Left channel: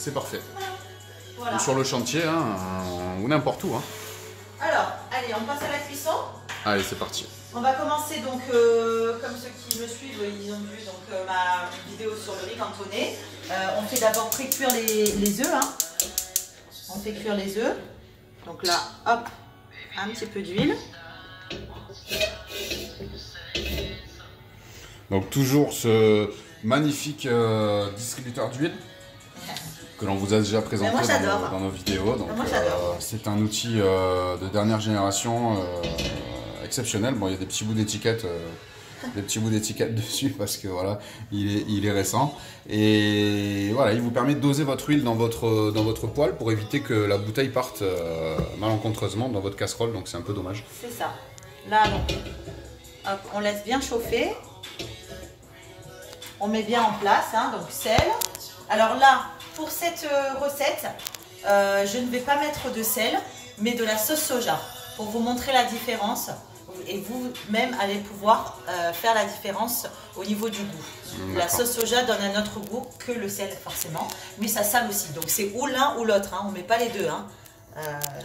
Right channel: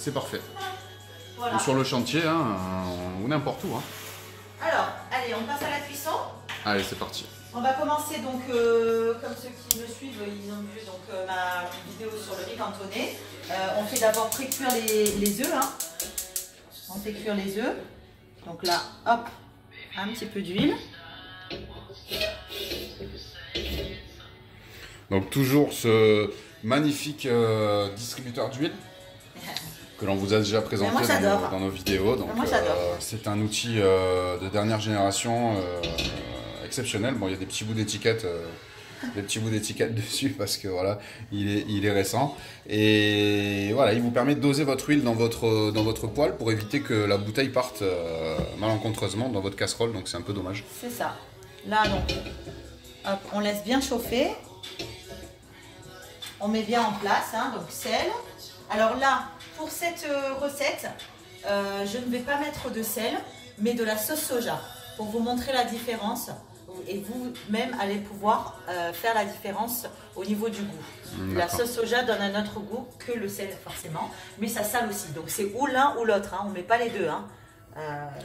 c'est parfait. Voilà. Ou sur le chantier, hein, ou n'importe où. Hein. Alors, allez, on passe à la cuisson. Allez, c'est parti. On va commencer donc, comme ceux qui me suivent, ils ont vu donc, ma vidéo sur le riz cantonné. On fait d'abord pré-cuire les œufs. Hein. On fait cuire les œufs. Donc là, hop, un petit peu d'huile. Donc toujours ce magnifique distributeur d'huile que l'on vous a déjà présenté dans nos vidéos. Donc c'est un outil de dernière génération exceptionnel. Bon, il y a des petits bouts d'étiquette. Dessus parce que voilà, il est récent et voilà, il vous permet de doser votre huile dans votre poêle pour éviter que la bouteille parte malencontreusement dans votre casserole, donc c'est un peu dommage. C'est ça. Là, donc, hop, on laisse bien chauffer. On met bien en place, hein, donc sel. Alors là, pour cette recette, je ne vais pas mettre de sel, mais de la sauce soja pour vous montrer la différence. Et vous-même allez pouvoir faire la différence au niveau du goût. La sauce soja donne un autre goût que le sel forcément, mais ça sale aussi. Donc c'est ou l'un ou l'autre, hein. On ne met pas les deux, hein.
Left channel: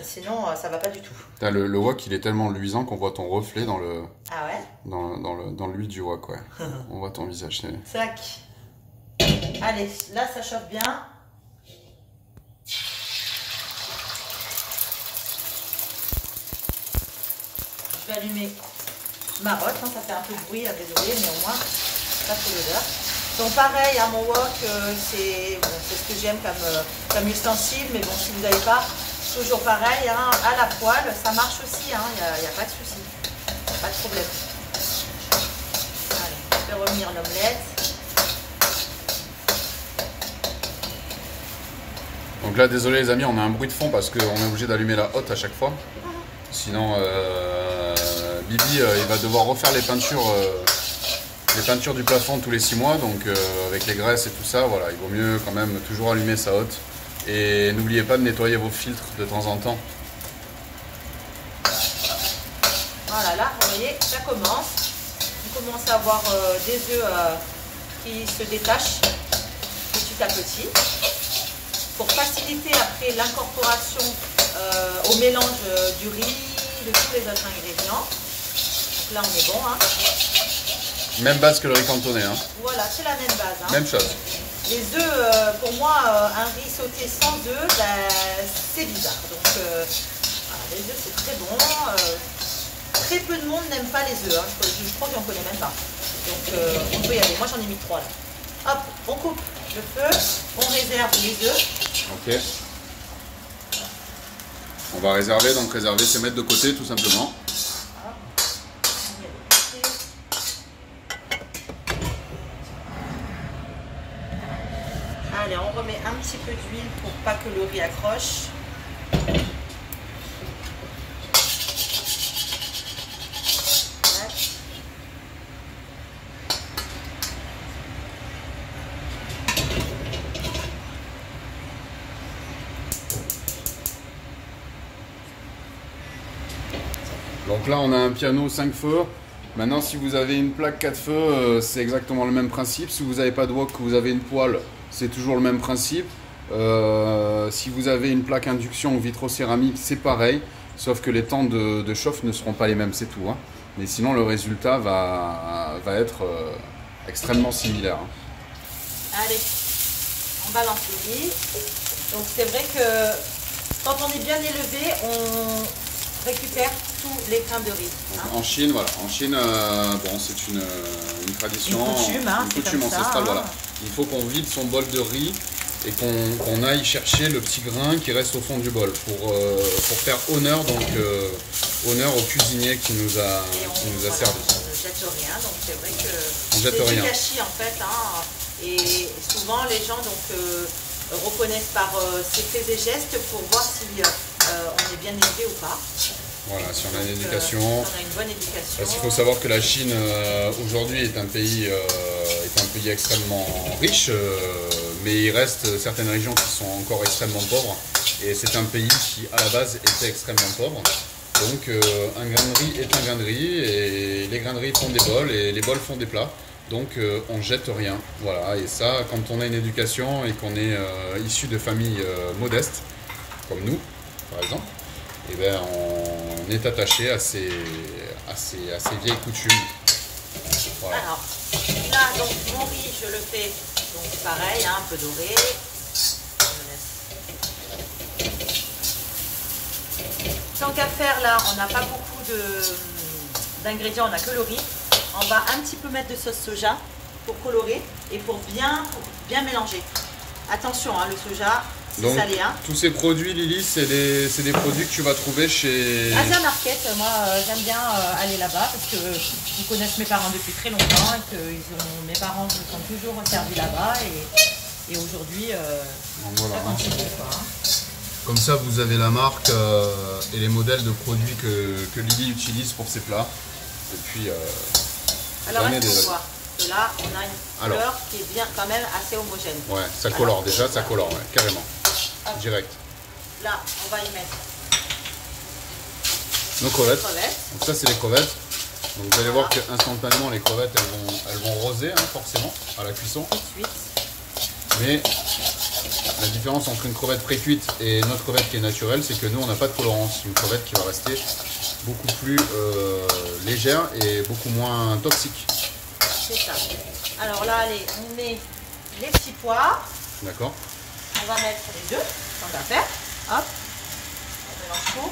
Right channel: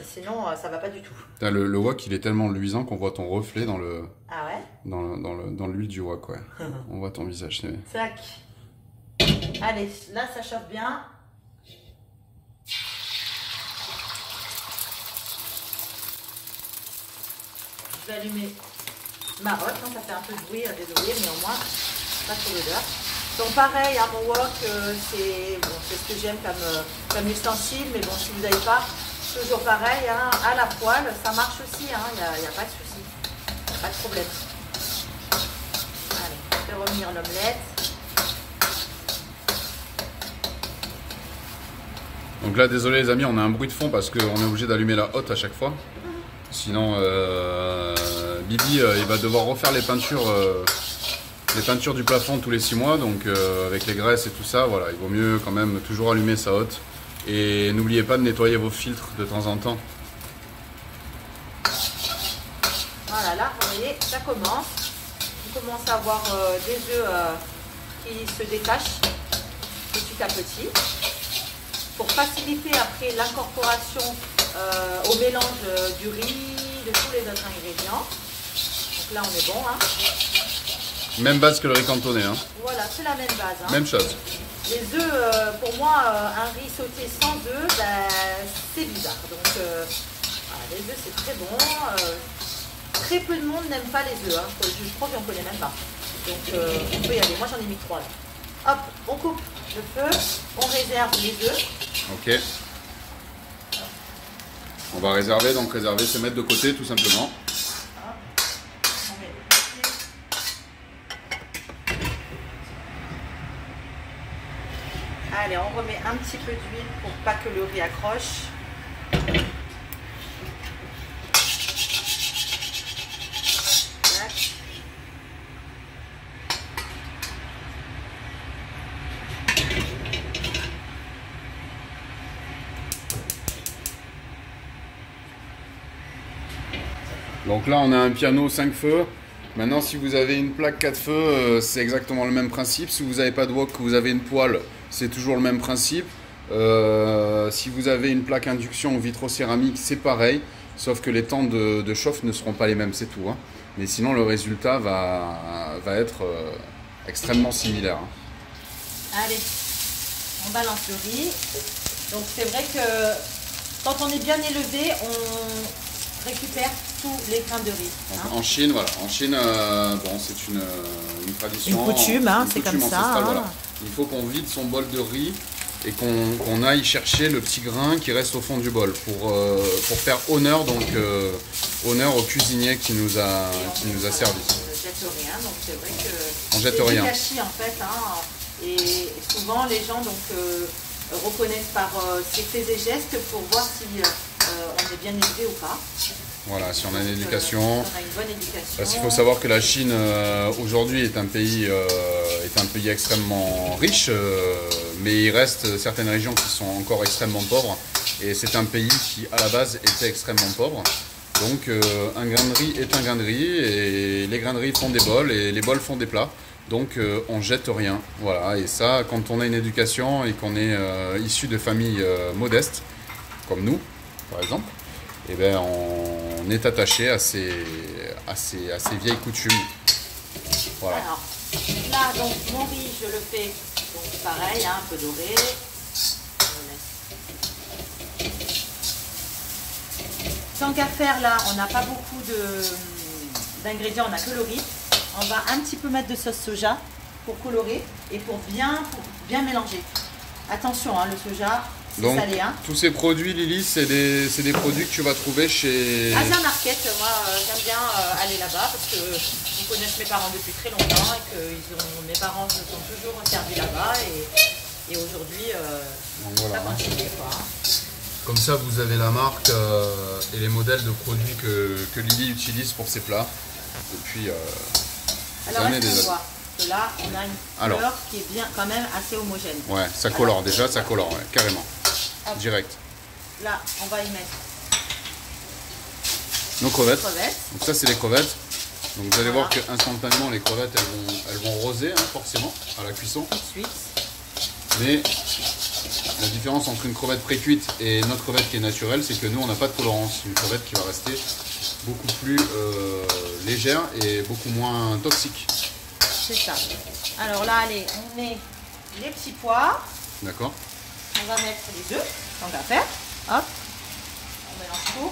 Sinon ça va pas du tout. Le wok il est tellement luisant qu'on voit ton reflet dans le ah ouais dans l'huile du wok, ouais. On voit ton visage. Tac. Allez, là ça chauffe bien. Je vais allumer ma hotte, hein, ça fait un peu de bruit, désolé, mais au moins, pas trop d'odeur. Donc pareil, à mon wok, c'est ce que j'aime comme ustensile, mais bon, si vous n'avez pas, toujours pareil, hein, à la poêle, ça marche aussi, il n'y a pas de souci, pas de problème. Allez, je vais revenir l'omelette. Donc là, désolé les amis, on a un bruit de fond parce qu'on est obligé d'allumer la hotte à chaque fois. Sinon, Bibi, il va devoir refaire les peintures du plafond tous les 6 mois. Donc avec les graisses et tout ça, voilà, il vaut mieux quand même toujours allumer sa hotte. Et n'oubliez pas de nettoyer vos filtres de temps en temps. Voilà, là, vous voyez, ça commence. On commence à avoir des œufs qui se détachent petit à petit. Pour faciliter après l'incorporation au mélange du riz, de tous les autres ingrédients. Donc là, on est bon. Hein. Même base que le riz cantonné. Hein. Voilà, c'est la même base. Hein. Même chose. Les œufs, pour moi, un riz sauté sans œufs, c'est bizarre. Donc, les œufs, c'est très bon. Très peu de monde n'aime pas les œufs. Hein. Je crois que j'en connais même pas. Donc, on peut y aller. Moi, j'en ai mis 3 là. Hop, on coupe le feu, on réserve les œufs. Ok. On va réserver, donc réserver, c'est mettre de côté tout simplement. Allez, on remet un petit peu d'huile pour pas que le riz accroche. Donc là on a un piano 5 feux. Maintenant si vous avez une plaque 4 feux, c'est exactement le même principe. Si vous n'avez pas de wok, que vous avez une poêle, c'est toujours le même principe. Si vous avez une plaque induction ou vitrocéramique, c'est pareil. Sauf que les temps de chauffe ne seront pas les mêmes, c'est tout. Hein. Mais sinon le résultat va être extrêmement similaire. Hein. Allez, on balance le riz. Donc c'est vrai que quand on est bien élevé, on récupère tous les grains de riz. Hein. En Chine, voilà. En Chine, bon, c'est une tradition, une coutume, hein, une coutume ancestrale. Ça, hein. Voilà. Il faut qu'on vide son bol de riz et qu'on aille chercher le petit grain qui reste au fond du bol pour faire honneur, donc, honneur au cuisinier qui nous a servi. On ne jette rien, donc c'est vrai que on jette c'est rien. du gâchis en fait. Hein, et souvent les gens donc, reconnaissent par ces faits et gestes pour voir si on est bien élevé ou pas. Voilà, si on a une éducation. On a une bonne éducation. Parce qu'il faut savoir que la Chine aujourd'hui est un pays extrêmement riche, mais il reste certaines régions qui sont encore extrêmement pauvres. Et c'est un pays qui à la base était extrêmement pauvre. Donc un grain de riz est un grain de riz, et les grains de riz font des bols et les bols font des plats. Donc on jette rien. Voilà, et ça, quand on a une éducation et qu'on est issu de familles modestes, comme nous, par exemple, eh ben, on est attaché à ces vieilles coutumes. Voilà. Alors, là, donc, mon riz, je le fais, donc pareil, hein, un peu doré. Tant qu'à faire, là, on n'a pas beaucoup d'ingrédients, on n'a que le riz. On va un petit peu mettre de sauce soja pour colorer et pour bien mélanger. Attention, hein, le soja, c'est salé. Hein. Tous ces produits, Lily, c'est des produits que tu vas trouver chez... Asia Market, moi j'aime bien aller là-bas parce que ils connaissent mes parents depuis très longtemps et que mes parents se sont toujours servis là-bas et aujourd'hui, voilà, ça continue. Quoi, hein. Comme ça, vous avez la marque et les modèles de produits que Lily utilise pour ses plats. Et puis, alors là, là, on a une couleur qui est bien, quand même assez homogène. Ouais, ça colore déjà, ça colore, ouais, carrément. Hop. Direct. Là, on va y mettre nos crevettes. Donc ça, c'est les crevettes. Donc vous allez voir que instantanément, les crevettes, elles vont roser, hein, forcément, à la cuisson. Tout de suite. Mais la différence entre une crevette pré-cuite et notre crevette qui est naturelle, c'est que nous, on n'a pas de colorance. Une crevette qui va rester beaucoup plus légère et beaucoup moins toxique. C'est ça. Alors là, allez, on met les petits pois. D'accord. On va mettre les deux, tant qu'à faire. Hop. On mélange tout.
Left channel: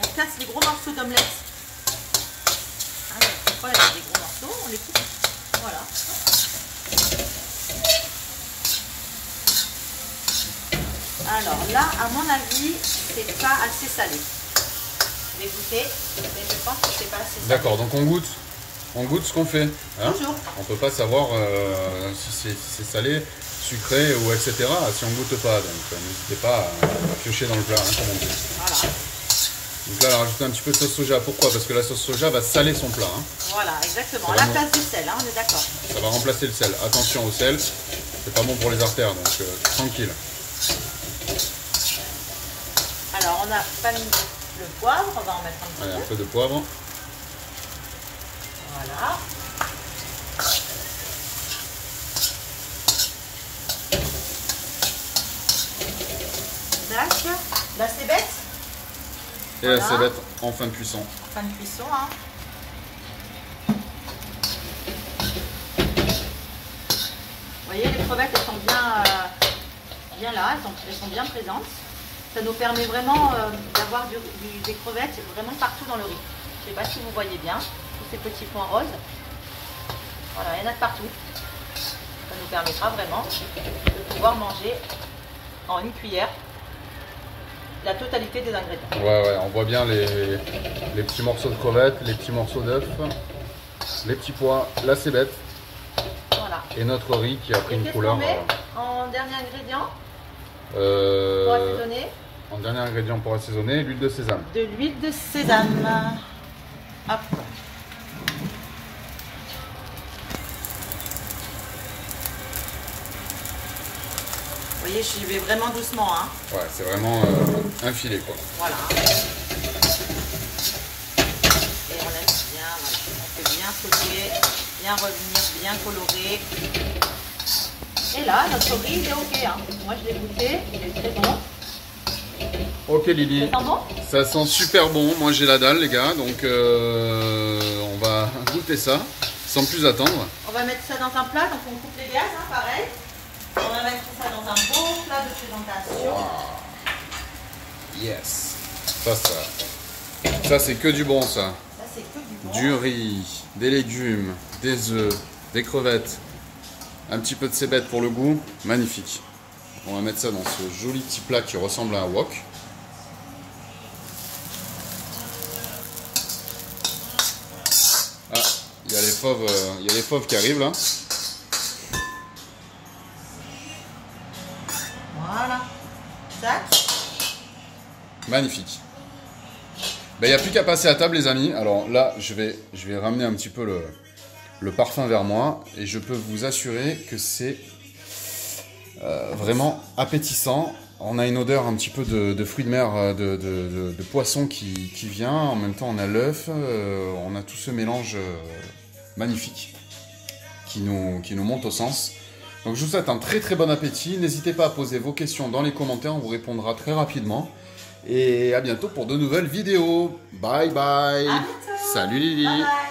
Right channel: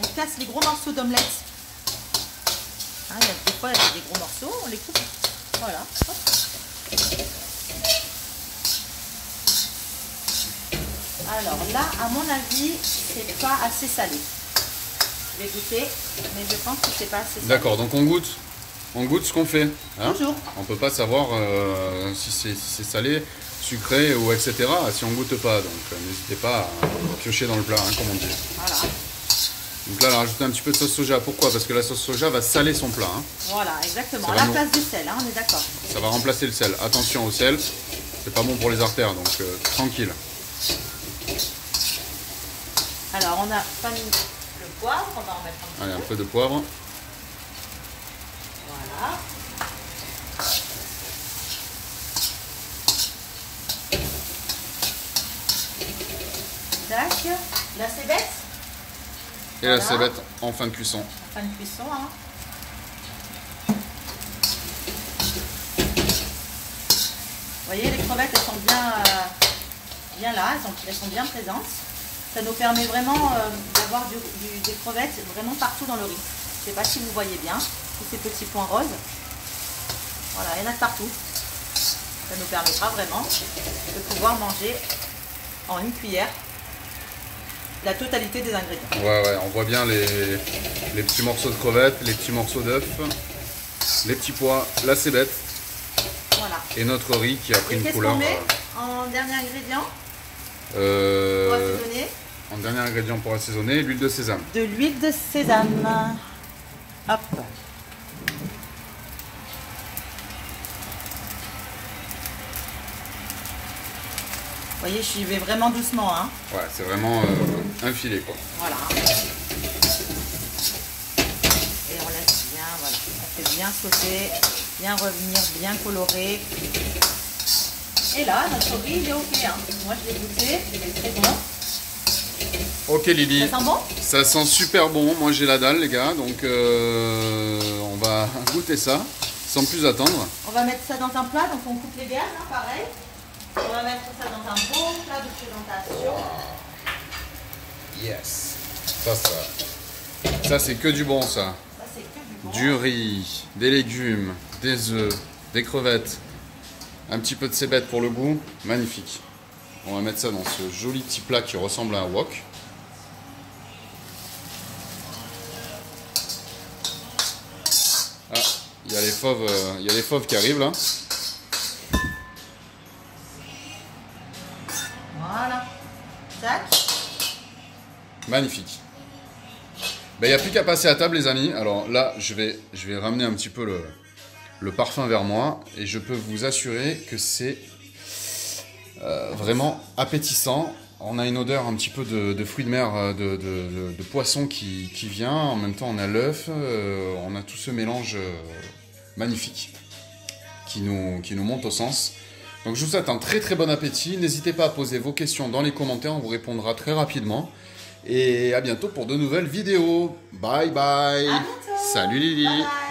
On casse les gros morceaux d'omelette. Hein, des fois, il y a des gros morceaux, on les coupe. Voilà. Alors là, à mon avis, c'est pas assez salé. Je vais goûter, mais je pense que c'est pas assez salé. D'accord, donc on goûte ce qu'on fait. Hein. Toujours. On peut pas savoir si c'est salé, sucré ou etc. si on goûte pas. Donc n'hésitez pas à piocher dans le plat, hein, comme on dit. Voilà. Donc là, on va rajouter un petit peu de sauce soja. Pourquoi? Parce que la sauce soja va saler son plat. Hein. Voilà, exactement. À la place du sel, hein, on est d'accord. Ça va remplacer le sel. Attention au sel, c'est pas bon pour les artères, donc tranquille. Alors, on a pas mis le poivre, on va en mettre un petit Allez, peu. un peu de poivre. Voilà. Tac. La cébette. Et voilà. La cébette en fin de cuisson. En fin de cuisson, hein. Vous voyez, les crevettes, elles sont bien là, elles sont bien présentes. Ça nous permet vraiment d'avoir des crevettes vraiment partout dans le riz. Je ne sais pas si vous voyez bien, tous ces petits points roses. Voilà, il y en a partout. Ça nous permettra vraiment de pouvoir manger en une cuillère la totalité des ingrédients. Ouais, on voit bien les petits morceaux de crevettes, les petits morceaux d'œufs, les petits pois, la cébette. Voilà. Et notre riz qui a pris une couleur. Qu'est-ce qu'on met en dernier ingrédient pour assaisonner? En dernier ingrédient pour assaisonner, l'huile de sésame. De l'huile de sésame. Hop. Vous voyez, j'y vais vraiment doucement. Hein. Ouais, c'est vraiment un filet, quoi. Voilà. Et on laisse bien, voilà. On fait bien sauter, bien revenir, bien colorer. Et là, notre riz, il est ok. Hein. Moi, je l'ai goûté, il est très bon. Ok, Lily. Ça sent bon? Ça sent super bon. Moi, j'ai la dalle, les gars. Donc, on va goûter ça sans plus attendre. On va mettre ça dans un plat. Donc, on coupe les gaz, hein, pareil. On va mettre ça dans un beau plat de présentation. Wow. Yes. Ça c'est que du bon, ça. Ça, c'est que du bon. Du riz, des légumes, des œufs, des crevettes, un petit peu de cébette pour le goût. Magnifique. On va mettre ça dans ce joli petit plat qui ressemble à un wok. Ah, il y a les fauves qui arrivent là. Voilà. Tac. Magnifique. Ben, il n'y a plus qu'à passer à table, les amis. Alors là, je vais ramener un petit peu le parfum vers moi. Et je peux vous assurer que c'est vraiment appétissant. On a une odeur un petit peu de fruits de mer, de poisson qui vient. En même temps, on a l'œuf. On a tout ce mélange magnifique qui nous monte au sens. Donc, je vous souhaite un très très bon appétit. N'hésitez pas à poser vos questions dans les commentaires. On vous répondra très rapidement. Et à bientôt pour de nouvelles vidéos. Bye bye. À bientôt. Salut Lily. Bye bye.